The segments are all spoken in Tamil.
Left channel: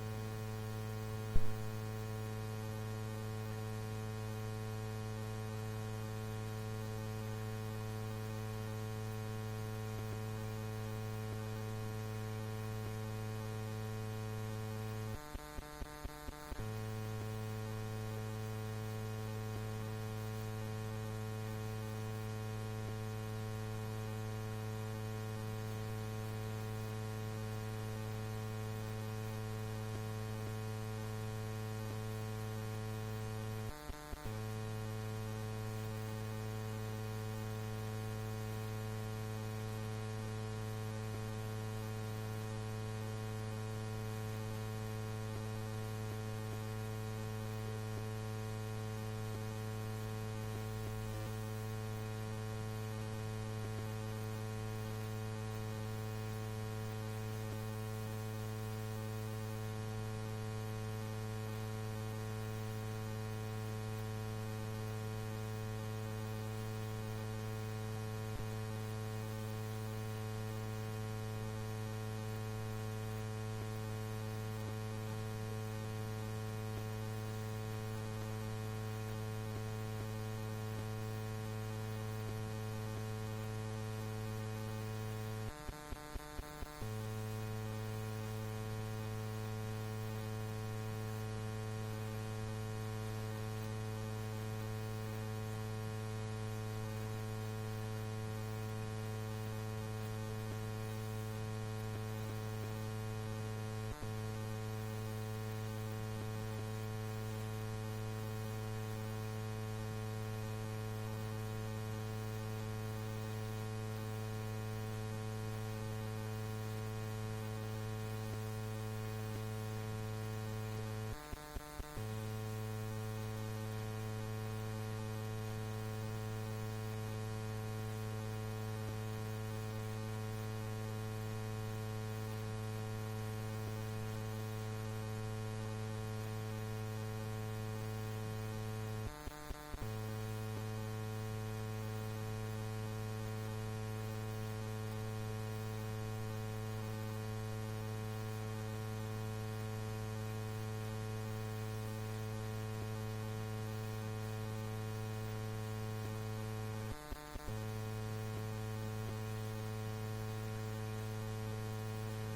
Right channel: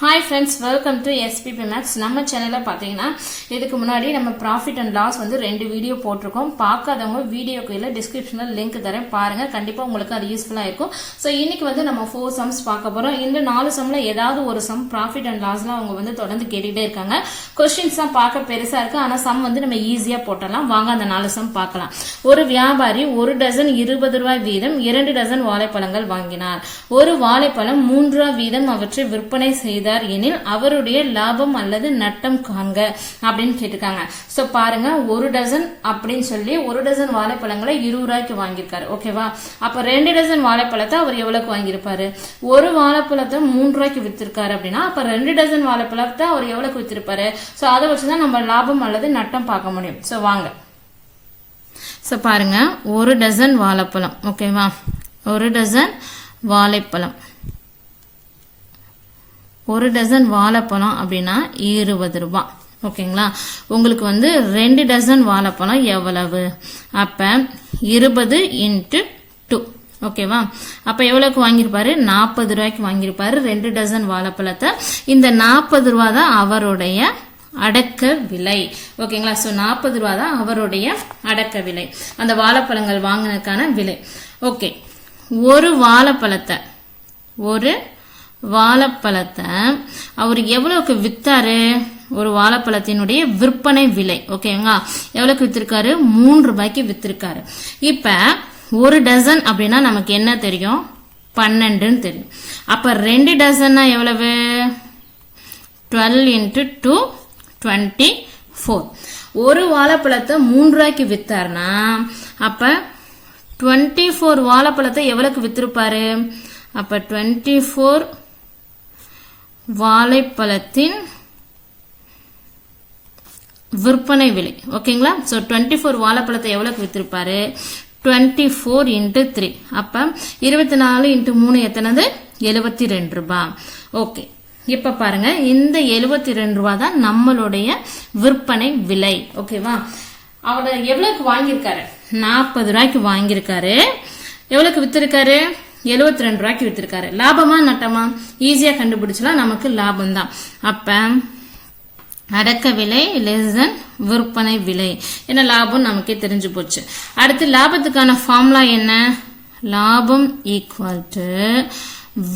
Hi friends welcome to SPB maths நம்ம சேனலில் பார்த்தீங்கன்னா இதுக்கு முன்னாடி நம்ம ப்ராஃபிட் அண்ட் லாஸ் வந்து ரெண்டு வீடியோ போட்டிருக்கோம். பார்க்காதவங்க வீடியோ கீழே டிஸ்கிரிப்ஷனில் லிங்க் தரேன். பாருங்கள் கண்டிப்பாக உங்களுக்கு அது யூஸ்ஃபுல்லாக இருக்கும். ஸோ இன்றைக்கி வந்து நம்ம ஃபோர் சம்ஸ் பார்க்க போகிறோம் இந்த நாலு சம்மில் ஏதாவது ஒரு சம் ப்ராஃபிட் அண்ட் லாஸ்லாம் அவங்க வந்து தொடர்ந்து கேட்டுகிட்டே இருக்காங்க. கொஸ்டின்ஸ் தான் பார்க்க பெருசாக இருக்குது ஆனால் சம் வந்து நம்ம ஈஸியாக போட்டலாம் வாங்க அந்த நாலு சம் பார்க்கலாம். ஒரு வியாபாரி ஒரு டசன் இருபது ரூபாய் வீதம் இரண்டு டசன் வாழைப்பழங்கள் வாங்கினார். ஒரு வாழைப்பழம் மூன்று ரூபாய் வீதம் அவற்றை விற்பனை செய்து செய்தார் எனில் அவருடைய லாபம் அல்லது நட்டம் காண்க அப்படின்னு கேட்டிருக்காங்க. ஸோ பாருங்க ஒரு டசன் அப்படின்னு சொல்லி ஒரு டசன் வாழைப்பழங்களை இருபது ரூபாய்க்கு வாங்கியிருக்காரு. ஓகேவா அப்போ ரெண்டு டசன் வாழைப்பழத்தை அவர் எவ்வளவுக்கு வாங்கியிருப்பாரு? ஒரு வாழைப்பழத்தை மூன்று ரூபாய்க்கு வித்திருக்காரு அப்படின்னா அப்போ ரெண்டு டசன் வாழைப்பழத்தை அவர் எவ்வளவுக்கு வித்திருப்பாரு? ஸோ அதை வச்சு தான் நம்ம லாபம் அல்லது நட்டம் பார்க்க முடியும். ஸோ வாங்க. ஸோ பாருங்க ஒரு டசன் வாழைப்பழம். ஓகேவா ஒரு டசன் வாழைப்பழம். ஒரு டசன் வாழைப்பழம் அப்படின்னா இருபது ரூபாய் ஓகேங்களா? உங்களுக்கு வந்து ரெண்டு டசன் வாழைப்பழம் எவ்வளவு? அப்போ இருபது இன்ட்டு டூ ஓகேவா? அப்போ எவ்வளோக்கு வாங்கியிருப்பாரு? நாற்பது ரூபாய்க்கு வாங்கியிருப்பாரு ரெண்டு டசன் வாழைப்பழத்தை. இந்த நாற்பது ரூபா தான் அவருடைய அடக்க விலை. ஓகேங்களா? ஸோ நாற்பது ரூபா தான் அவருடைய அடக்க விலை. அந்த வாழைப்பழங்கள் வாங்கினதுக்கான விலை. ஓகே. ஒரு வாழைப்பழத்தை ஒரு வாழைப்பழத்தை. அவர் எவ்வளவுக்கு வித்தாரு? ஒரு வாழைப்பழத்தினுடைய விற்பனை விலை ஓகேங்களா? எவ்வளவுக்கு வித்திருக்காரு? மூன்று ரூபாய்க்கு வித்திருக்காரு. இப்ப ஒரு டசன் அப்படின்னா நமக்கு என்ன தெரியும்? பன்னெண்டுன்னு தெரியும். அப்ப ரெண்டு டசன்னா எவ்வளவு? Twelve into two twenty four ஒரு வாழைப்பழத்தை மூன்று ரூபாய்க்கு வித்தாருன்னா அப்ப டுவெண்ட்டி ஃபோர் வாழைப்பழத்தை எவ்வளவுக்கு வித்திருப்பாரு? அப்ப டுவெண்ட்டி ஃபோர் வாழைப்பழத்தின் விற்பனை விலை. ஓகேங்களா ஸோ டுவெண்ட்டி ஃபோர் வாழைப்பழத்தை எவ்வளோக்கு விற்றுருப்பாரு டுவெண்ட்டி ஃபோர் இன்ட்டு த்ரீ அப்போ இருபத்தி நாலு இன்ட்டு மூணு எத்தனது? எழுபத்தி ரெண்டு ரூபா. ஓகே இப்போ பாருங்க இந்த எழுபத்தி ரெண்டு ரூபா தான் நம்மளுடைய விற்பனை விலை. ஓகேவா அவர் எவ்வளோக்கு வாங்கியிருக்காரு? நாற்பது ரூபாய்க்கு வாங்கியிருக்காரு. எவ்வளோக்கு விற்றுருக்காரு எழுபத்தி ரெண்டு ரூபாய்க்கு வித்திருக்காரு. லாபமா நட்டமா? ஈஸியா கண்டுபிடிச்சலாம் நமக்கு லாபம் தான் அப்ப அடக்க விலை லெஸ் தென் விற்பனை விலை. என்ன லாபம்? நமக்கே தெரிஞ்சு போச்சு. அடுத்து லாபத்துக்கான ஃபார்முலா என்ன? லாபம் ஈக்குவல் டு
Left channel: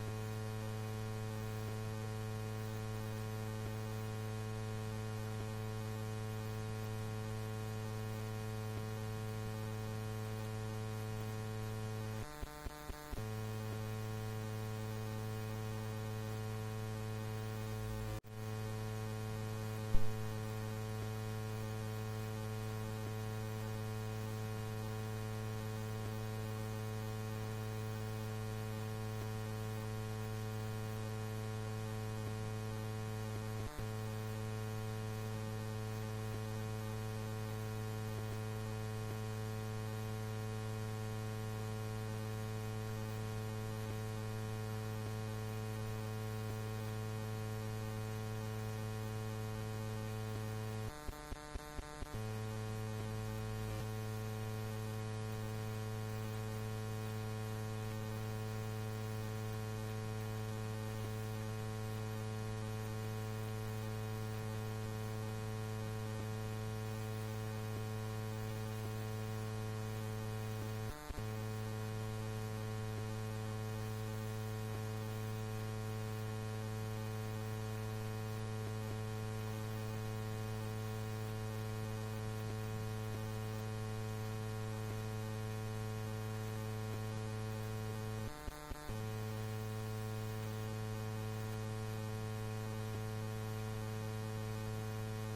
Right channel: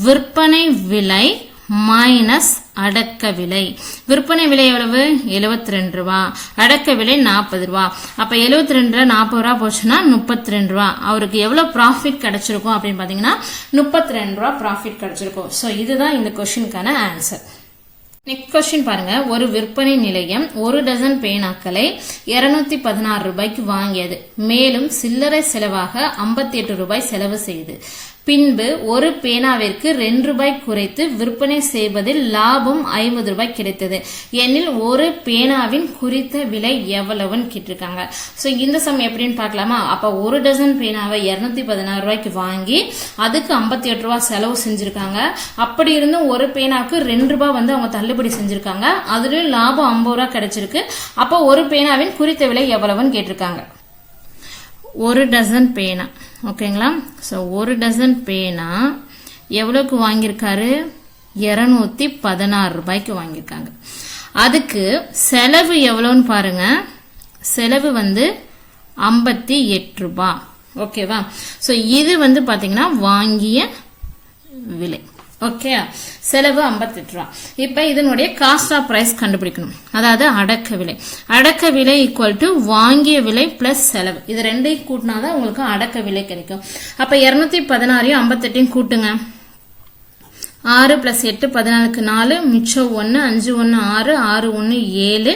விற்பனை விலை மைனஸ் அடக்க விலை விற்பனை விலை எவ்வளவு? எழுபத்தி ரெண்டு ரூபா. அடக்க விலை நாற்பது ரூபா. அப்போ எழுபத்தி ரெண்டு நாற்பது ரூபா போச்சுன்னா முப்பத்தி ரெண்டு ரூபா. அவருக்கு எவ்வளோ ப்ராஃபிட் கிடச்சிருக்கும் அப்படின்னு பார்த்தீங்கன்னா முப்பத்தி ரெண்டு ரூபா ப்ராஃபிட் கிடைச்சிருக்கும். ஸோ இதுதான் இந்த கொஸ்டினுக்கான ஆன்சர் நெக்ஸ்ட் கொஸ்டின் பாருங்க. ஒரு விற்பனை நிலையம் ஒரு டசன் பேனாக்களை இருநூத்தி பதினாறு ரூபாய்க்கு வாங்கியது. மேலும் சில்லறை செலவாக ஐம்பத்தி எட்டு ரூபாய் செலவு செய்து. பின்பு ஒரு பேனாவிற்கு ரெண்டு ரூபாய் குறைத்து விற்பனை செய்வதில் லாபம் ஐம்பது ரூபாய் கிடைத்தது. எனில் ஒரு பேனாவின் குறித்த விலை எவ்வளவுன்னு கேட்டிருக்காங்க. ஸோ இந்த சமயம் எப்படின்னு பார்க்கலாமா? அப்போ ஒரு டசன் பேனாவை இரநூத்தி பதினாறு ரூபாய்க்கு வாங்கி அதுக்கு ஐம்பத்தி எட்டு ரூபா செலவு செஞ்சுருக்காங்க. அப்படி இருந்தும் ஒரு பேனாவுக்கு ரெண்டு ரூபாய் வந்து அவங்க தள்ளுபடி செஞ்சுருக்காங்க. அதுலேயும் லாபம் ஐம்பது ரூபா கிடைச்சிருக்கு. அப்போ ஒரு பேனாவின் குறித்த விலை எவ்வளவுன்னு கேட்டிருக்காங்க. ஒரு டசன் பேனா. ஓகேங்களா ஸோ ஒரு டசன் பேனா எவ்வளோக்கு வாங்கியிருக்காரு? இரநூத்தி பதினாறு ரூபாய்க்கு வாங்கியிருக்காங்க. அதுக்கு செலவு எவ்வளோன்னு பாருங்க. செலவு வந்து ஐம்பத்தி எட்டு ரூபா. ஓகேவா ஸோ இது வந்து பார்த்தீங்கன்னா வாங்கிய விலை. ஓகே செலவு ஐம்பத்தெட்டு ரூபா. இப்போ இதனுடைய காஸ்ட் ஆஃப் ப்ரைஸ் கண்டுபிடிக்கணும். அதாவது அடக்க விலை. அடக்க விலை ஈக்குவல் டு வாங்கிய விலை பிளஸ் செலவு. இது ரெண்டையும் கூட்டினா தான் உங்களுக்கு அடக்க விலை கிடைக்கும். அப்போ இரநூத்தி பதினாறையும் ஐம்பத்தெட்டையும் கூட்டுங்க. ஆறு பிளஸ் எட்டு பதினாலுக்கு நாலு மிச்சம் ஒன்று அஞ்சு ஒன்று ஆறு ஆறு ஒன்று ஏழு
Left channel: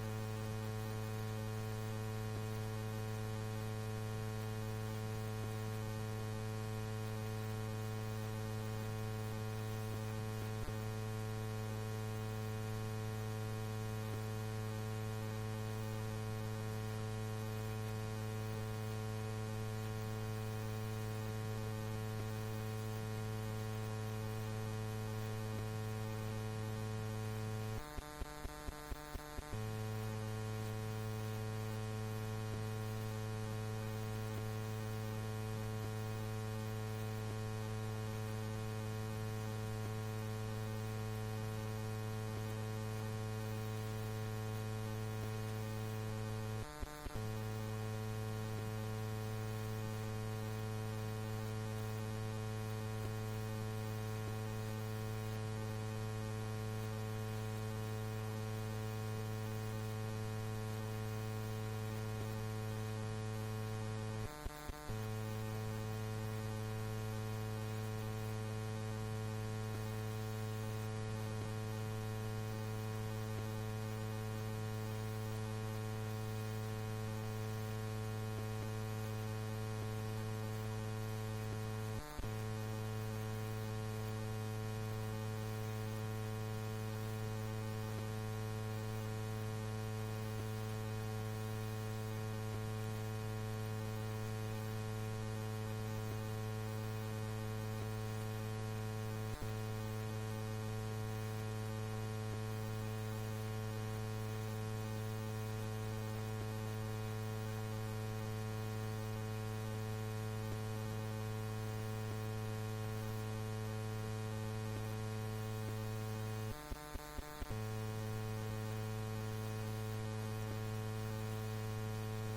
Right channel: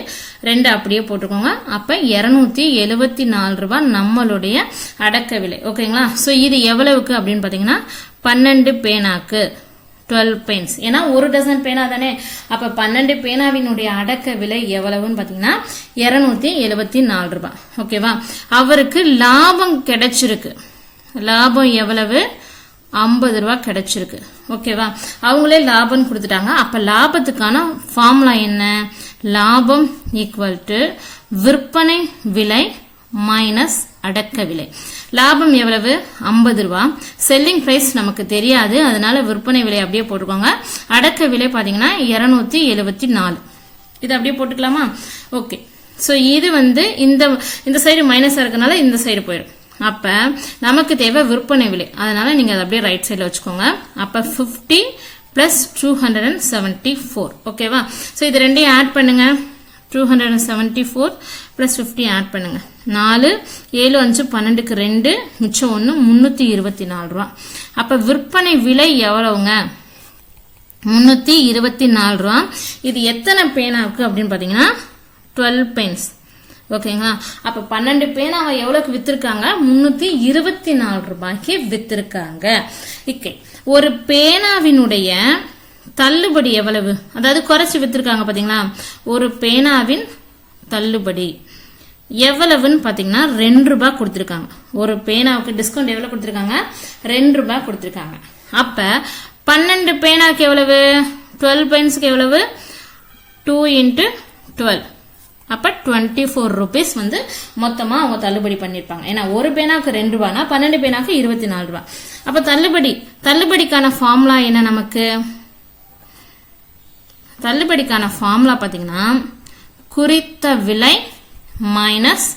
ரெண்டு அப்படியே போட்டுக்கோங்க. அப்போ இரநூத்தி எழுபத்தி நாலு ரூபா நம்மளுடைய அடக்க விலை. ஓகேங்களா ஸோ இது எவ்வளவுக்கு அப்படின்னு பார்த்தீங்கன்னா பன்னெண்டு பேனாக்கு. டுவெல் பெயின்ஸ் ஏன்னா ஒரு டசன் பேனா தானே? அப்போ பன்னெண்டு பேனாவினுடைய அடக்க விலை எவ்வளவுன்னு பார்த்தீங்கன்னா இரநூத்தி எழுபத்தி நாலு ரூபாய் ஓகேவா அவருக்கு லாபம் கிடைச்சிருக்கு. லாபம் எவ்வளவு? ஐம்பது ரூபா கிடைச்சிருக்கு. ஓகேவா அவங்களே லாபம் கொடுத்துட்டாங்க. அப்போ லாபத்துக்கான ஃபார்முலா என்ன? லாபம் ஈக்குவல் டு விற்பனை விலை மைனஸ் அடக்க விலை. லாபம் எவ்வளவு? ஐம்பது ரூபா. செல்லிங் ப்ரைஸ் நமக்கு தெரியாது. அதனால விற்பனை விலை அப்படியே போட்டுக்கோங்க அடக்க விலை பார்த்தீங்கன்னா இருநூத்தி எழுபத்தி நாலு. இது அப்படியே போட்டுக்கலாமா? ஓகே ஸோ இது வந்து இந்த இந்த சைடு மைனஸாக இருக்கனால இந்த சைடு போயிடும் அப்போ நமக்கு தேவை விற்பனை விலை. அதனால நீங்கள் அதை அப்படியே ரைட் சைடில் வச்சுக்கோங்க. அப்போ fifty plus two hundred and seventy four ஓகேவா ஸோ இது ரெண்டையும் ஆட் பண்ணுங்க. Two hundred and seventy four plus fifty add பண்ணுங்கள் நாலு ஏழு அஞ்சு பன்னெண்டுக்கு ரெண்டு மிச்சம் ஒன்று முந்நூற்றி இருபத்தி நாலு ரூபா. அப்போ விற்பனை விலை எவ்வளவுங்க? முந்நூற்றி இருபத்தி நாலு ரூபா. இது எத்தனை பேனாவுக்கு அப்படின்னு பார்த்தீங்கன்னா டுவெல் பென்ஸ் ஓகேங்களா? அப்போ பன்னெண்டு பேனாவை எவ்வளோக்கு விற்றுருக்காங்க முந்நூற்றி இருபத்தி நாலு ரூபாய்க்கு விற்றுருக்காங்க ஓகே ஒரு பேனாவினுடைய தள்ளுபடி எவ்வளவு? அதாவது குறைச்சி விற்றுருக்காங்க பார்த்தீங்களா ஒரு பேனாவின் தள்ளுபடி. எவ்வளவுன்னு பார்த்தீங்கன்னா ரெண்டு ரூபாய் கொடுத்துருக்காங்க. ஒரு பேனாவுக்கு டிஸ்கவுண்ட் எவ்வளோ கொடுத்துருக்காங்க? ரெண்டு ரூபாய் கொடுத்துருக்காங்க. அப்போ பன்னெண்டு பேனாவுக்கு எவ்வளவு? டுவெல் பென்ஸுக்கு எவ்வளவு? டூ இன்ட்டு டுவெல் அப்போ டுவெண்ட்டி ஃபோர் ருபீஸ் வந்து மொத்தமாக அவங்க தள்ளுபடி பண்ணியிருப்பாங்க ஏன்னா ஒரு பேனாவுக்கு ரெண்டு ரூபானா பன்னெண்டு பேனாவுக்கு இருபத்தி நாலு ரூபா அப்போ தள்ளுபடி தள்ளுபடிக்கான ஃபார்முலா என்ன நமக்கு? தள்ளுபடிக்கான ஃபார்முலா பார்த்தீங்கன்னா குறித்த விலை மைனஸ்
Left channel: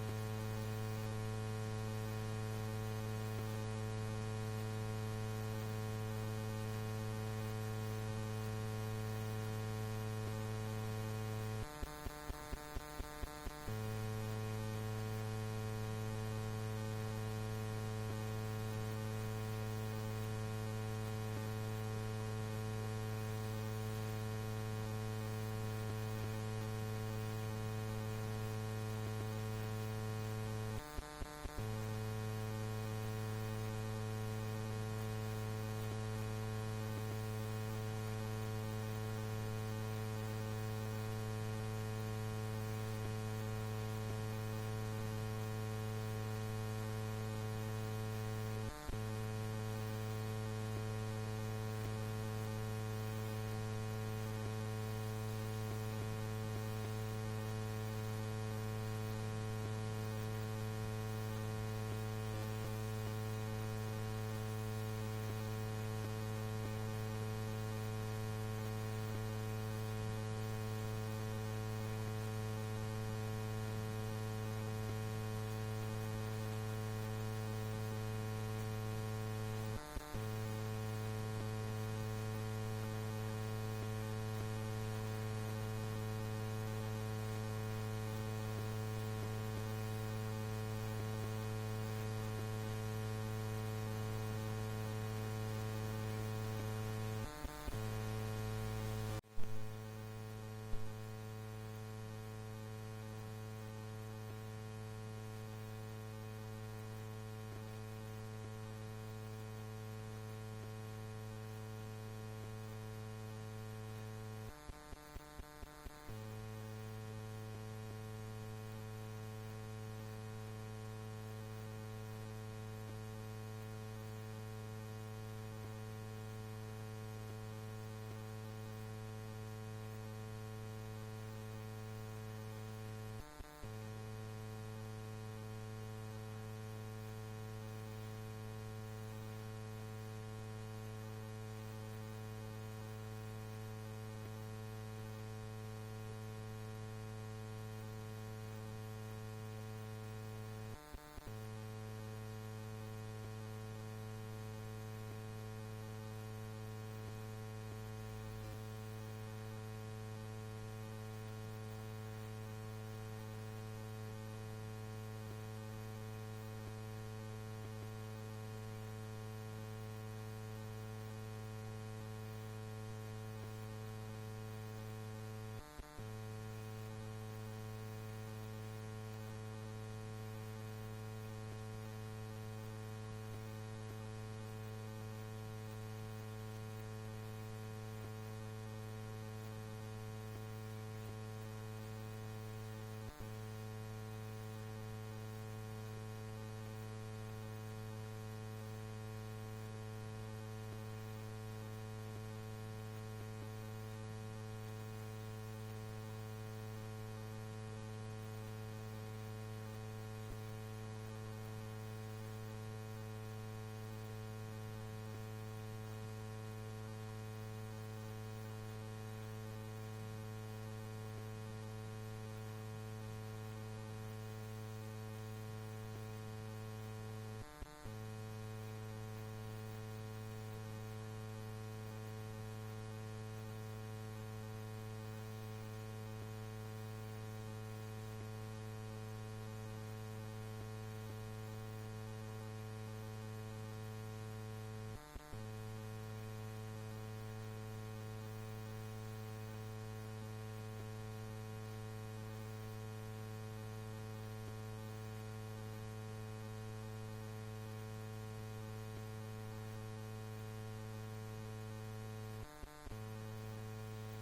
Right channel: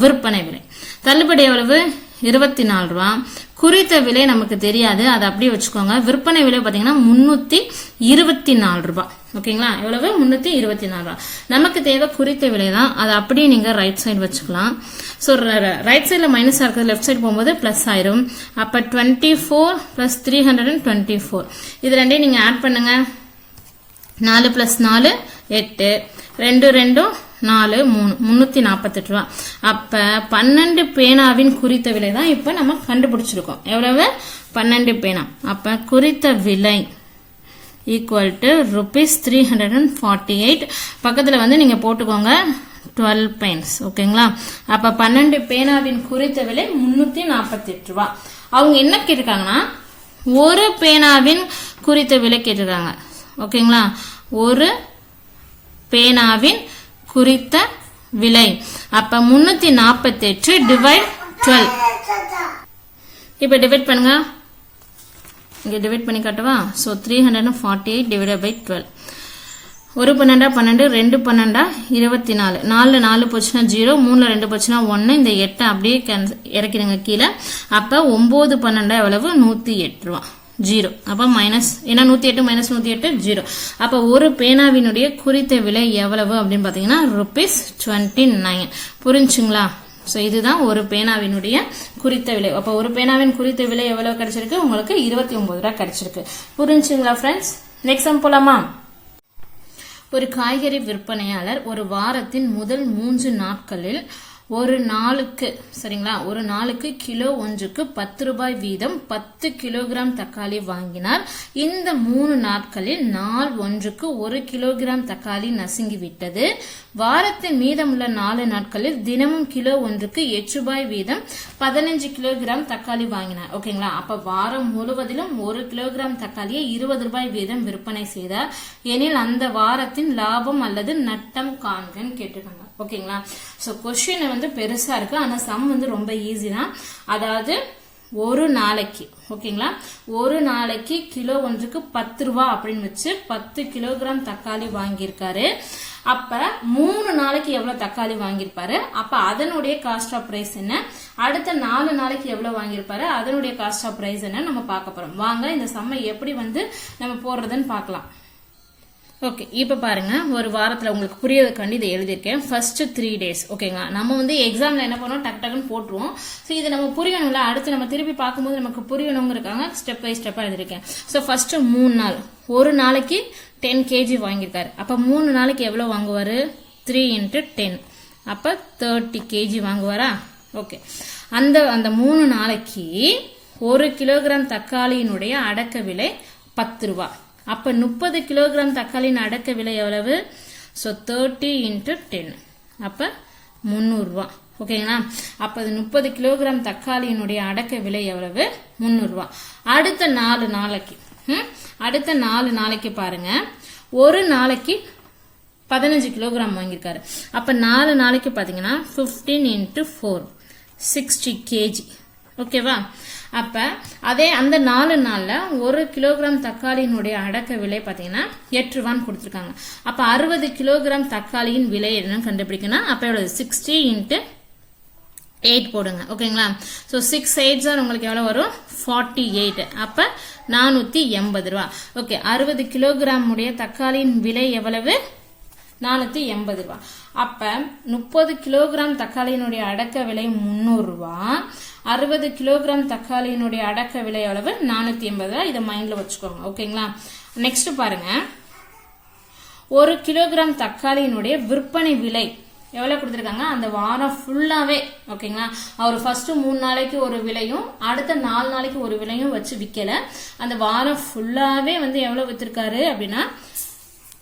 விற்பனை விலை. தள்ளுபடி எவ்வளவு? இருபத்தி நாலு ரூபா. குறித்த விலை நமக்கு தெரியாது. அதை அப்படியே வச்சுக்கோங்க. விற்பனை விலை பார்த்தீங்கன்னா முந்நூற்றி இருபத்தி நாலு ரூபா. ஓகேங்களா? எவ்வளவு? முந்நூற்றி இருபத்தி நாலு ரூபா. நமக்கு தேவை குறித்த விலை தான். அதை அப்படியே நீங்கள் ரைட் சைடு வச்சுக்கலாம். ஸோ ரைட் சைடில் மைனஸாக இருக்கிறது லெஃப்ட் சைடு போகும்போது ப்ளஸ் ஆயிரும். அப்போ twenty four plus three hundred and twenty four இது ரெண்டையும் நீங்கள் ஆட் பண்ணுங்கள் நாலு ப்ளஸ் நாலு எட்டு. ரெண்டு ரெண்டும் நாலு மூணு. முந்நூற்றி நாற்பத்தெட்டு ரூபா. அப்போ பன்னெண்டு பேனாவின் குறித்த விலை தான் இப்போ நம்ம கண்டுபிடிச்சிருக்கோம். எவ்வளவு? பன்னெண்டு பேனா. அப்போ குறித்த விலை equal to rupees three hundred and forty eight பக்கத்தில் வந்து நீங்கள் போட்டுக்கோங்க டுவெல் பெயின்ஸ் ஓகேங்களா அப்போ பன்னெண்டு பேனாவின் குறித்த விலை முந்நூற்றி நாற்பத்தெட்டு ரூபா. அவங்க என்ன கேட்டிருக்காங்கன்னா ஒரு பேனாவின் குறித்த விலை கேட்டிருக்காங்க. ஓகேங்களா? ஒரு பேனாவின் குறித்த விலை. அப்ப முன்னூத்தி நாற்பத்தி எட்டு டிவைட் டுவெல் இப்போ டிவைட் பண்ணுங்க. இங்கே டிவைட் பண்ணி காட்டவா? So three hundred and forty eight divide by twelve ஒரு பன்னெண்டா பன்னெண்டு ரெண்டு பன்னெண்டா இருபத்தி நாலு நாலு நாலு போச்சுன்னா ஜீரோ மூணில் ரெண்டு போச்சுன்னா ஒன்று இந்த எட்டை அப்படியே கேன்சல் இறக்கிடுங்க கீழே. அப்போ ஒம்பது பன்னெண்டா எவ்வளவு? நூற்றி எட்டு ரூபா. ஜீரோ. அப்போ மைனஸ் ஏன்னா நூற்றி எட்டு மைனஸ் நூற்றி எட்டு ஜீரோ. அப்போ ஒரு பேனாவினுடைய குறித்த விலை எவ்வளவு அப்படின்னு பார்த்தீங்கன்னா ருபீஸ் டுவெண்ட்டி நைன் புரிஞ்சுங்களா? ஸோ இதுதான் ஒரு பேனாவினுடைய குறித்த விலை. அப்போ ஒரு பேனாவின் குறித்த விலை எவ்வளவு கிடைச்சிருக்கு? உங்களுக்கு இருபத்தி ஒன்பது ரூபா கிடைச்சிருக்கு. புரிஞ்சுங்களா ஃப்ரெண்ட்ஸ் நெக்ஸ்ட் சம் போலாமா? ஒரு காய்கறி விற்பனையாளர் ஒரு வாரத்தின் முதல் மூன்று நாட்களில் ஒரு நாளுக்கு சரிங்களா? ஒரு நாளுக்கு கிலோ ஒன்றுக்கு பத்து ரூபாய் வீதம் பத்து கிலோகிராம் தக்காளி வாங்கினார். இந்த மூணு நாட்களில் நாள் ஒன்றுக்கு ஒரு கிலோகிராம் தக்காளி நசுங்கி விட்டது. வாரத்தின் மீதமுள்ள நாலு நாட்களில் தினமும் கிலோ ஒன்றுக்கு எட்டு ரூபாய் வீதம் பதினஞ்சு கிலோகிராம் தக்காளி வாங்கினார். ஓகேங்களா? அப்ப வாரம் முழுவதிலும் ஒரு கிலோகிராம் தக்காளியை இருபது ரூபாய் வீதம் விற்பனை செய்தார். எனில் அந்த வாரத்தின் லாபம் அல்லது நட்டம் காண்கன்னு கேட்டிருக்காங்க ஓகேங்களா? ஸோ கொஷின் வந்து பெருசாக இருக்குது ஆனால் சம் வந்து ரொம்ப ஈஸி தான். அதாவது ஒரு நாளைக்கு ஓகேங்களா? ஒரு நாளைக்கு கிலோ ஒன்றுக்கு பத்து ரூபா அப்படின்னு வச்சு பத்து கிலோகிராம் தக்காளி வாங்கியிருக்காரு. அப்போ மூணு நாளைக்கு எவ்வளோ தக்காளி வாங்கியிருப்பாரு? அப்போ அதனுடைய காஸ்ட் ஆஃப் ப்ரைஸ் என்ன? அடுத்த நாலு நாளைக்கு எவ்வளோ வாங்கியிருப்பாரு? அதனுடைய காஸ்ட் ஆஃப் ப்ரைஸ் என்ன நம்ம பார்க்க போகிறோம் வாங்க இந்த சம்மை எப்படி வந்து நம்ம போடுறதுன்னு பார்க்கலாம். ஓகே இப்போ பாருங்கள் ஒரு வாரத்தில் உங்களுக்கு புரியறதுக்காண்டி இதை எழுதியிருக்கேன். ஃபர்ஸ்ட்டு த்ரீ டேஸ் ஓகேங்களா நம்ம வந்து எக்ஸாமில் என்ன பண்ணுவோம்? டக் டக்குன்னு போட்டுருவோம். ஸோ இது நம்ம புரியணும்ல? அடுத்து நம்ம திருப்பி பார்க்கும்போது நமக்கு புரியணுங்கிறக்காங்க ஸ்டெப் பை ஸ்டெப்பாக எழுதியிருக்கேன். ஸோ ஃபஸ்ட்டு மூணு நாள். ஒரு நாளைக்கு டென் கேஜி வாங்கியிருக்காரு. அப்போ மூணு நாளைக்கு எவ்வளோ வாங்குவார்? த்ரீ இன்ட்டு டென் அப்போ தேர்ட்டி கேஜி வாங்குவாரா? ஓகே அந்த அந்த மூணு நாளைக்கு ஒரு கிலோகிராம் தக்காளியினுடைய அடக்க விலை பத்து ரூபா. அப்போ முப்பது கிலோகிராம் தக்காளியின் அடக்க விலை எவ்வளவு? ஸோ தேர்ட்டி இன்ட்டு டென் அப்போ முந்நூறுரூவா ஓகேங்களா அப்போ அது முப்பது கிலோகிராம் தக்காளியினுடைய அடக்க விலை எவ்வளவு? முந்நூறுரூவா அடுத்த நாலு நாளைக்கு ம்? அடுத்த நாலு நாளைக்கு பாருங்க. ஒரு நாளைக்கு பதினஞ்சு கிலோகிராம் வாங்கியிருக்காரு. அப்போ நாலு நாளைக்கு பார்த்தீங்கன்னா fifteen into four sixty KG ஓகேவா அப்போ அதே அந்த நாலு நாளில் ஒரு கிலோகிராம் தக்காளியினுடைய அடக்க விலை பார்த்தீங்கன்னா எட்டு ரூபான்னு கொடுத்துருக்காங்க. அப்போ அறுபது கிலோகிராம் தக்காளியின் விலை என்னன்னு கண்டுபிடிக்கணும் அப்போ எவ்வளோ சிக்ஸ்டி இன்ட்டு எயிட் போடுங்க. ஓகேங்களா? ஸோ சிக்ஸ் எயிட் சார் உங்களுக்கு எவ்வளோ வரும்? ஃபார்ட்டி எயிட் அப்போ நானூற்றி எண்பது ரூபா. ஓகே அறுபது கிலோகிராம் உடைய தக்காளியின் விலை எவ்வளவு? நானூற்றி எண்பது ரூபா. அப்போ முப்பது கிலோகிராம் தக்காளியினுடைய அடக்க விலை முந்நூறுரூவா அறுபது கிலோகிராம் தக்காளியினுடைய அடக்க விலை அளவு நானூற்றி எண்பது. ரூபா இதை மைண்டில் வச்சுக்கோங்க. ஓகேங்களா நெக்ஸ்ட் பாருங்கள் ஒரு கிலோகிராம் தக்காளியினுடைய விற்பனை விலை எவ்வளோ கொடுத்துருக்காங்க? அந்த வாரம் ஃபுல்லாகவே ஓகேங்களா அவர் ஃபஸ்ட்டு மூணு நாளைக்கு ஒரு விலையும் அடுத்த நாலு நாளைக்கு ஒரு விலையும் வச்சு விற்கலை அந்த வாரம் ஃபுல்லாகவே வந்து எவ்வளோ விற்றுருக்காரு அப்படின்னா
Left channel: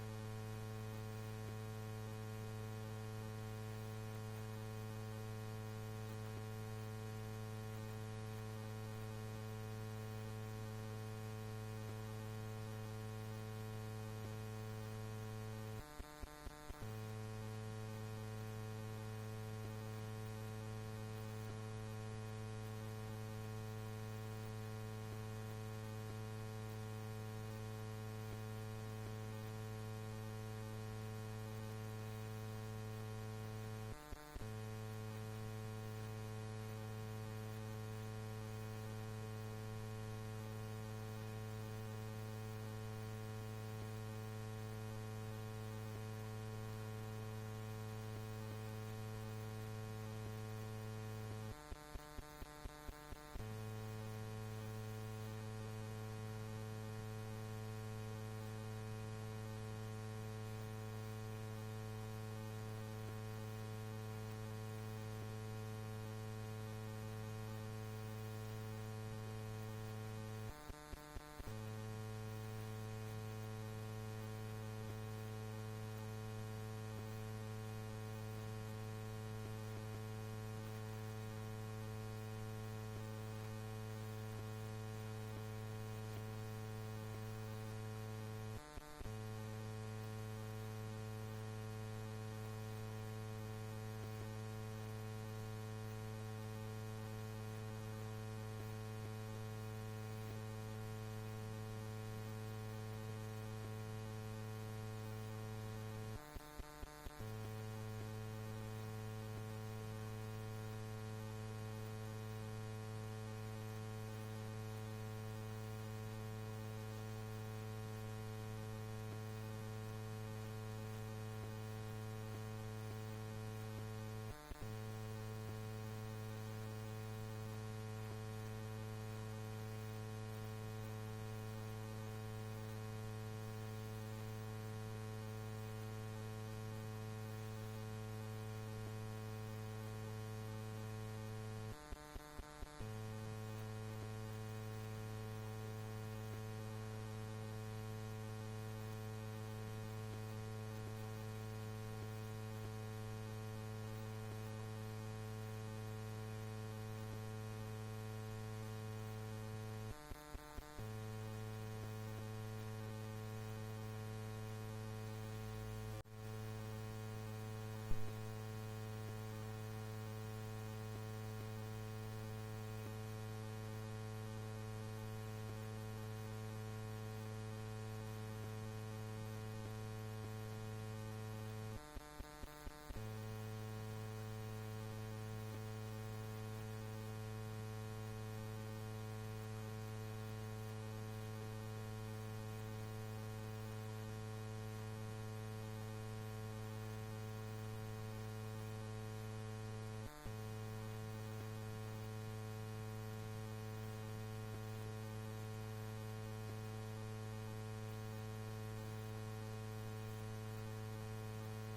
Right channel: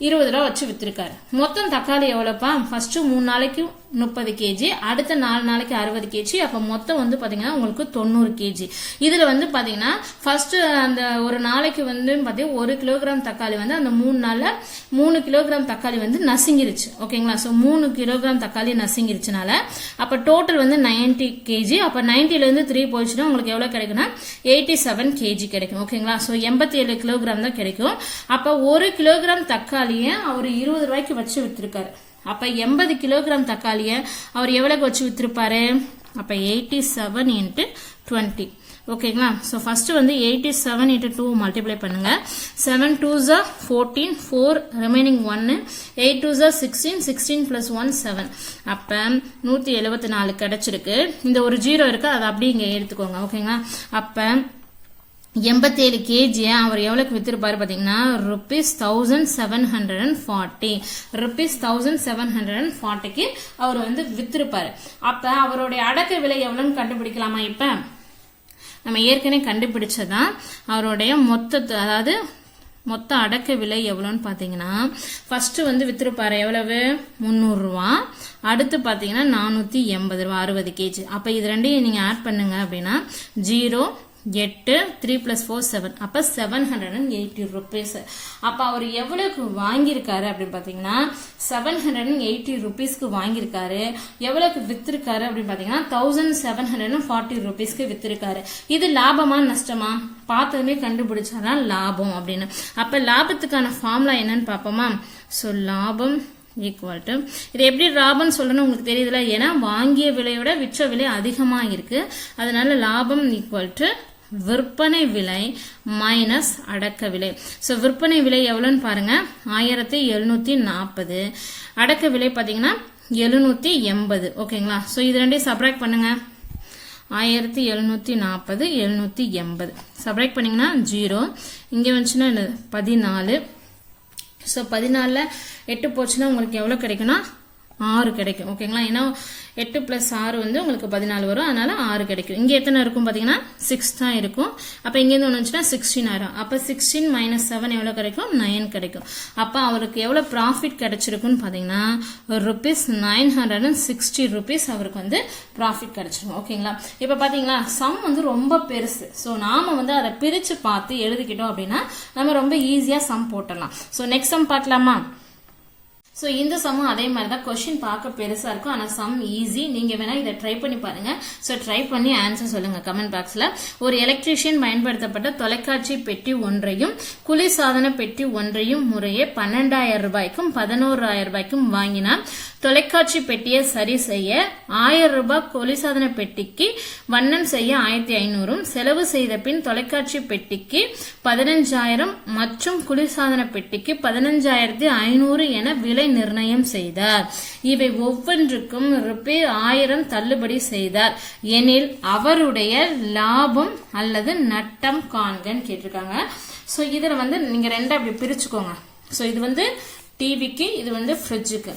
இருபது ரூபா வச்சு விற்றுருக்காரு மொத்தம் தக்காளி எவ்வளோப்பா ஃபஸ்ட்டு மூணு நாளைக்கு முப்பது கேஜி அடுத்த நாலு நாளைக்கு அறுபது கேஜி அப்போ மொத்தம் வந்து பார்த்தீங்கன்னா உங்களுக்கு தொண்ணூறு கேஜி இதில் வந்து பார்த்தீங்கன்னா ஃபர்ஸ்ட்டு அந்த ஒரு நாளைக்கு வந்து பார்த்தீங்கன்னா ஒரு கிலோகிராம் தக்காளி வந்து அந்த மூணு நாளில் மூணு கிலோகிராம் தக்காளி வந்து நசுங்கிருச்சு. ஓகேங்களா ஸோ மூணு கிலோகிராம் தக்காளி நசுங்கிருச்சுனால அப்போ டோட்டல் வந்து நைன்டி கேஜி அப்போ நைன்ட்டிலேருந்து த்ரீ போயிடுச்சுன்னா உங்களுக்கு எவ்வளோ கிடைக்குன்னா எயிட்டி செவன் கேஜி கிடைக்கும். ஓகேங்களா ஸோ எண்பத்தி ஏழு கிலோகிராம் தான் கிடைக்கும். அப்போ ஒரு கிலோகிராம் தக்காளியை அவர் இருபது ரூபாய்க்கு வச்சு விற்றுருக்காரு அப்போ எண்பது கிலோகிராம் தக்காளியை அவர் எவ்வளோக்கு வச்சு விற்றுருப்பாரு அப்போ எயிட்டி செவன் இன்ட்டு டுவெண்ட்டி ஓகேங்களா ஸோ ஃபஸ்ட்டு வந்து eighty seven into two multiply பண்ணுங்கள் செவன் டூ ஜா ஃபோர்டீன் ஃபோர் ரிமைனிங் ஒன்று எயிட் டூ ஜா sixteen sixteen plus one seven அப்போ நூற்றி எழுபத்தி நாலு கிடச்சிருக்கு. இந்த ஒரு ஜீரோ இருக்குது அதை அப்படியே இங்கே எடுத்துக்கோங்க. ஓகேங்களா அப்போ எண்பத்தேழு கேஜியை அவர் எவ்வளோக்கு விற்றுருப்பாரு பார்த்தீங்கன்னா rupees thousand seven hundred and forty rupees thousand seven hundred and ஃபார்ட்டிக்கு அவர் வந்து விற்றுருப்பாரு அப்போ அவருடைய அடக்க விலை எவ்வளோன்னு கண்டுபிடிக்கலாமா இப்போ? நம்ம ஏற்கனவே கண்டுபிடிச்சதான் அவருடைய மொத்த அதாவது மொத்த அடக்க விலை எவ்வளோன்னு பார்த்தீங்கன்னா ஃபஸ்ட்டு வந்து விற்றுருப்பாரு எவ்வளவு? முந்நூறுரூவா அடுத்து பார்த்தீங்கன்னா நானூற்றி எண்பது ரூபா அறுபது கேஜி அப்போ இது ரெண்டையும் நீங்கள் ஆட் பண்ணுங்க அப்படின்னா ஜீரோ எட்டு த்ரீ ப்ளஸ் ஃபோர் செவன் அப்போ seven hundred and eighty rupees அப்போ அவர் எவ்வளோக்கு வாங்கியிருக்காரு அப்படின்னு பார்த்தீங்கன்னா செவன் ஹண்ட்ரட் அண்ட் எயிட்டி ருபீஸ்க்கு வாங்கியிருக்காரு. எவ்வளோக்கு விற்றுருக்காரு அப்படின்னு பார்த்தீங்கன்னா thousand seven hundred and forty ருபீஸ்க்கு விற்றுருக்காரு இது லாபமா நஷ்டமா? பார்த்ததுமே கண்டுபிடிச்சாதான் லாபம் அப்படின்னு. அப்போ லாபத்துக்கான ஃபார்முலா என்னன்னு பார்ப்போமா? ஸோ லாபம் ஈக்குவல் டு இது எப்படி லாபம்னு சொல்லணும்னு உங்களுக்கு தெரியுதுல? ஏன்னா வாங்கிய விலையோட விற்ற விலை அதிகமாக இருக்குது அதனால லாபம் ஈக்குவல் டு விற்பனை விலை மைனஸ் அடக்க விலை. ஸோ விற்பனை விலை எவ்வளோன்னு பாருங்க. ஆயிரத்தி எழுநூற்றி நாற்பது. அடக்க விலை பார்த்தீங்கன்னா எழுநூற்றி எண்பது. ஓகேங்களா ஸோ இது ரெண்டையும் சப்ராக்ட் பண்ணுங்க. ஆயிரத்தி எழுநூற்றி நாற்பது எழுநூற்றி எண்பது. சப்ராக்ட் பண்ணிங்கன்னா ஜீரோ இங்கே வந்துச்சுன்னா பதினாலு. ஸோ பதினாலில் எட்டு போச்சுன்னா உங்களுக்கு எவ்வளோ கிடைக்குன்னா ஆறு கிடைக்கும் ஓகேங்களா ஏன்னா எட்டு ப்ளஸ் ஆறு வந்து உங்களுக்கு பதினாலு வரும். அதனால ஆறு கிடைக்கும். இங்கே எத்தனை இருக்கும் பார்த்தீங்கன்னா சிக்ஸ் தான் இருக்கும். அப்போ இங்கேருந்து ஒன்று வந்துச்சுன்னா சிக்ஸ்டீன் ஆயிரும். அப்போ சிக்ஸ்டீன் மைனஸ் செவன் எவ்வளோ கிடைக்கும்? நைன் கிடைக்கும். அப்போ அவருக்கு எவ்வளோ ப்ராஃபிட் கிடைச்சிருக்குன்னு பார்த்தீங்கன்னா ஒரு rupees nine hundred and sixty rupees அவருக்கு வந்து ப்ராஃபிட் கிடைச்சிருக்கும் ஓகேங்களா இப்போ பார்த்தீங்களா சம் வந்து ரொம்ப பெருசு. ஸோ நாம் வந்து அதை பிரித்து பார்த்து எழுதிக்கிட்டோம் அப்படின்னா நம்ம ரொம்ப ஈஸியாக சம் போட்டலாம் ஸோ நெக்ஸ்ட் சம் பார்க்கலாமா? ஸோ இந்த சம்மும் அதே மாதிரி தான் கொஷின் பார்க்க பெருசாக இருக்கும். ஆனால் சம் ஈஸி நீங்கள் வேணால் இதை ட்ரை பண்ணி பாருங்கள் ஸோ ட்ரை பண்ணி ஆன்சர் சொல்லுங்கள் கமெண்ட் பாக்ஸில் ஒரு எலக்ட்ரீஷியன் பயன்படுத்தப்பட்ட தொலைக்காட்சி பெட்டி ஒன்றையும் குளிர்சாதன பெட்டி ஒன்றையும் முறையே பன்னெண்டாயிரம் ரூபாய்க்கும் பதினோராயிரம் ரூபாய்க்கும் வாங்கினா தொலைக்காட்சி பெட்டியை சரி செய்ய ஆயிரம் ரூபாய் கொலிசாதன பெட்டிக்கு வண்ணம் செய்ய ஆயிரத்தி ஐநூறும் செலவு செய்த பின் தொலைக்காட்சி பெட்டிக்கு பதினஞ்சாயிரம் மற்றும் குளிர்சாதன பெட்டிக்கு பதினஞ்சாயிரத்தி ஐநூறு என விலை நிர்ணயம் செய்தார். இவை ஒவ்வொன்றுக்கும் ருபே ஆயிரம் தள்ளுபடி செய்தார். எனில் அவருடைய லாபம் அல்லது நட்டம் காண்கன்னு கேட்டிருக்காங்க. ஸோ இதில் வந்து நீங்கள் ரெண்டு அப்படி பிரிச்சுக்கோங்க. ஸோ இது வந்து டிவிக்கு இது வந்து ஃப்ரிட்ஜுக்கு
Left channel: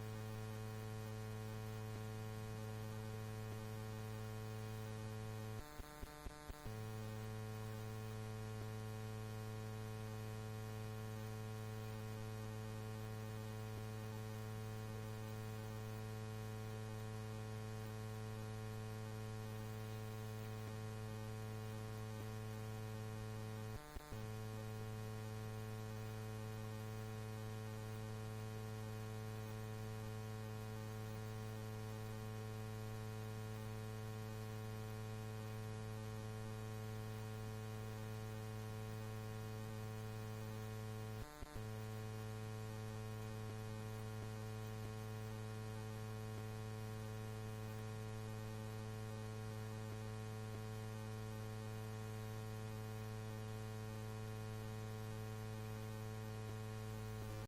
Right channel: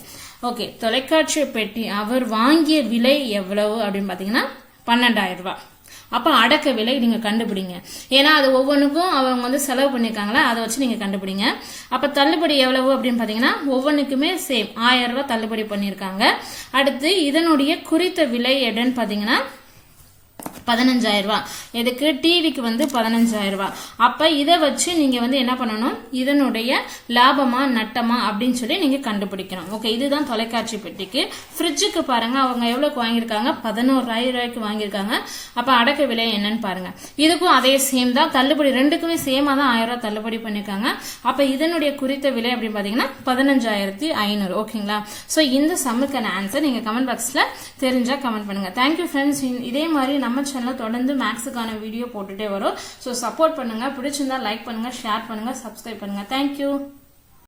ஓகே தொலைக்காட்சி பெட்டி அவர் வாங்கிய விலை எவ்வளவு அப்படின்னு பார்த்தீங்கன்னா பன்னெண்டாயிரம் ரூபாய். அப்போ அடக்க விலை நீங்கள் கண்டுபிடிங்க. ஏன்னா அது ஒவ்வொன்றுக்கும் அவங்க வந்து செலவு பண்ணியிருக்காங்களா? அதை வச்சு நீங்கள் கண்டுபிடிங்க. அப்போ தள்ளுபடி எவ்வளவு அப்படின்னு பார்த்தீங்கன்னா ஒவ்வொன்றுக்குமே சேம் ஆயிரம் ரூபாய் தள்ளுபடி பண்ணியிருக்காங்க. அடுத்து இதனுடைய குறித்த விலை எடன்னு பார்த்தீங்கன்னா பதினஞ்சாயிரம் ரூபாய். எதுக்கு? டிவிக்கு வந்து பதினஞ்சாயிரம் ரூபா அப்ப இதை வச்சு நீங்க வந்து என்ன பண்ணணும்? இதனுடைய லாபமா நட்டமா அப்படின்னு சொல்லி நீங்க கண்டுபிடிக்கணும். ஓகே இதுதான் தொலைக்காட்சி பெட்டிக்கு. ஃப்ரிட்ஜுக்கு பாருங்க அவங்க எவ்வளவுக்கு வாங்கியிருக்காங்க? பதினோராயிரம் ரூபாய்க்கு வாங்கியிருக்காங்க. அப்ப அடக்க விலை என்னன்னு பாருங்க. இதுக்கும் அதே சேம் தான். தள்ளுபடி ரெண்டுக்குமே சேமா தான் ஆயிரம் ரூபாய் தள்ளுபடி பண்ணிருக்காங்க அப்ப இதனுடைய குறித்த விலை அப்படின்னு பாத்தீங்கன்னா பதினஞ்சாயிரத்தி ஐநூறு. ஓகேங்களா சோ இந்த சம்முக்கான ஆன்சர் நீங்க கமெண்ட் பாக்ஸ்ல தெரிஞ்சா கமெண்ட் பண்ணுங்க. தேங்க்யூ ஃப்ரெண்ட்ஸ் இதே மாதிரி நம்ம சேனலில் தொடர்ந்து மேக்ஸுக்கான வீடியோ போட்டுகிட்டே வரும். ஸோ சப்போர்ட் பண்ணுங்க. பிடிச்சிருந்தா லைக் பண்ணுங்கள் ஷேர் பண்ணுங்கள் சப்ஸ்கிரைப் பண்ணுங்கள் தேங்க்யூ